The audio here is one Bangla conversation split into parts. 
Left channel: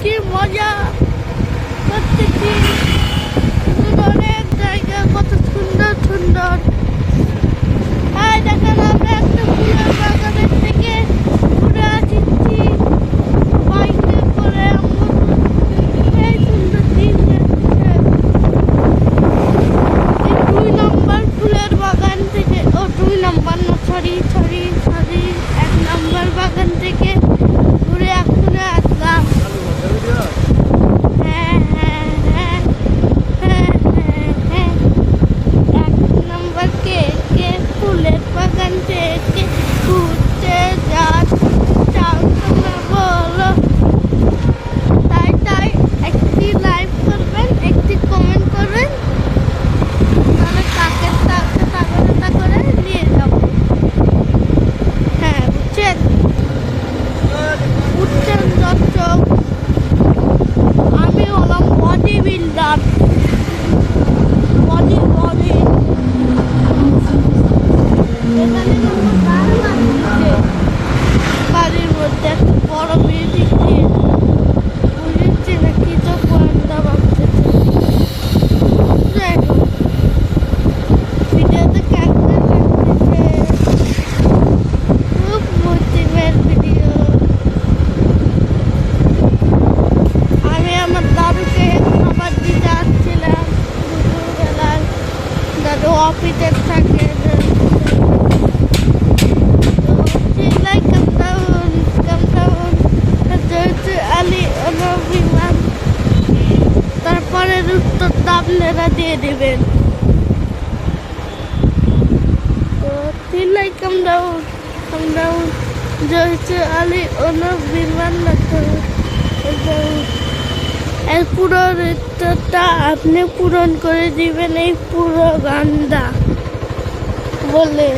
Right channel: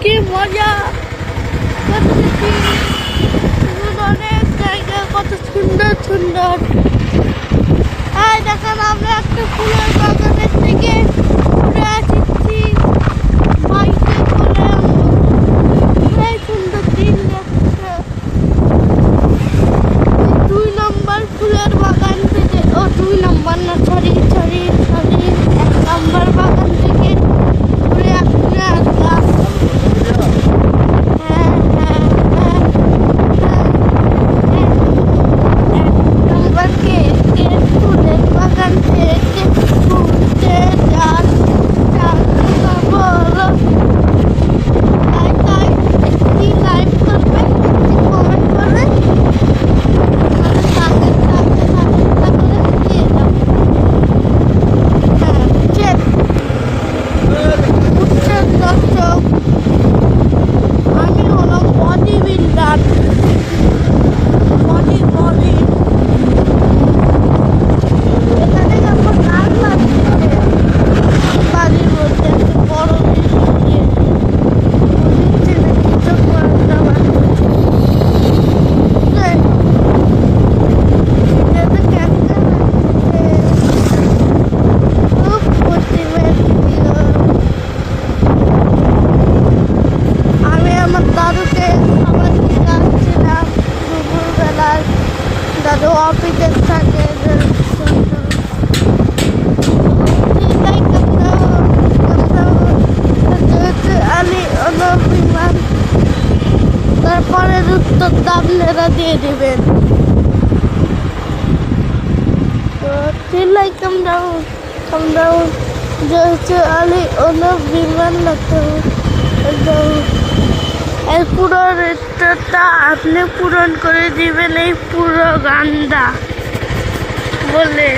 কি মজা করতেছি, অনেক জায়গা কত সুন্দর সুন্দর। আর দেখেন আমরা একটা ফুলের বাগানের থেকে ঘুরে আসছি বাইকে করে। এই সুন্দর দিন যাচ্ছে। 2 নম্বর ফুলের বাগান থেকে, 2 নম্বর না, সরি 1 নম্বর বাগান থেকে ঘুরে এখনো আসলাম। হ্যাঁ 1 নম্বর কে ফুলের বাগান থেকে ঘুরতে যাচ্ছে না বলো? তাই একটি লাইক করবেন, একটি কমেন্ট করবেন, করে দিয়ে দাও। হ্যাঁ বুঝছেন দর্শক, আমি হলাম বডি বিল্ডার। বডি এখানে আমার গান বাজছে, বাড়ির মধ্যে বড় মিউজিক দিয়ে বুঝছি না কি তো পয়সা বাজছে। ভিডিওতে ক্যাপচার খুব মোটিভেট ভিডিও। আমি আমার দাদুকে খাবার দিতে আসছিলাম দুপুরবেলায়। দাদু অফিসে থাকে। বিমান, তারপরের উত্তরটা আপনারা দিয়ে দেবেন। তো চিল্লাই কামড়াও যেহেতু আলী অনব বিমান লাগতে এই পুরো উত্তরটা আপনি পূরণ করে দিবেন এই পুরো গানটা বলে।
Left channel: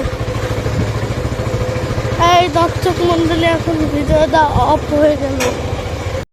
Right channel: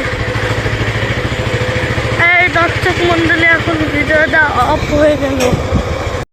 এই দর্শক মন্ডলী, এখন ভিডিওটা অফ হয়ে গেল।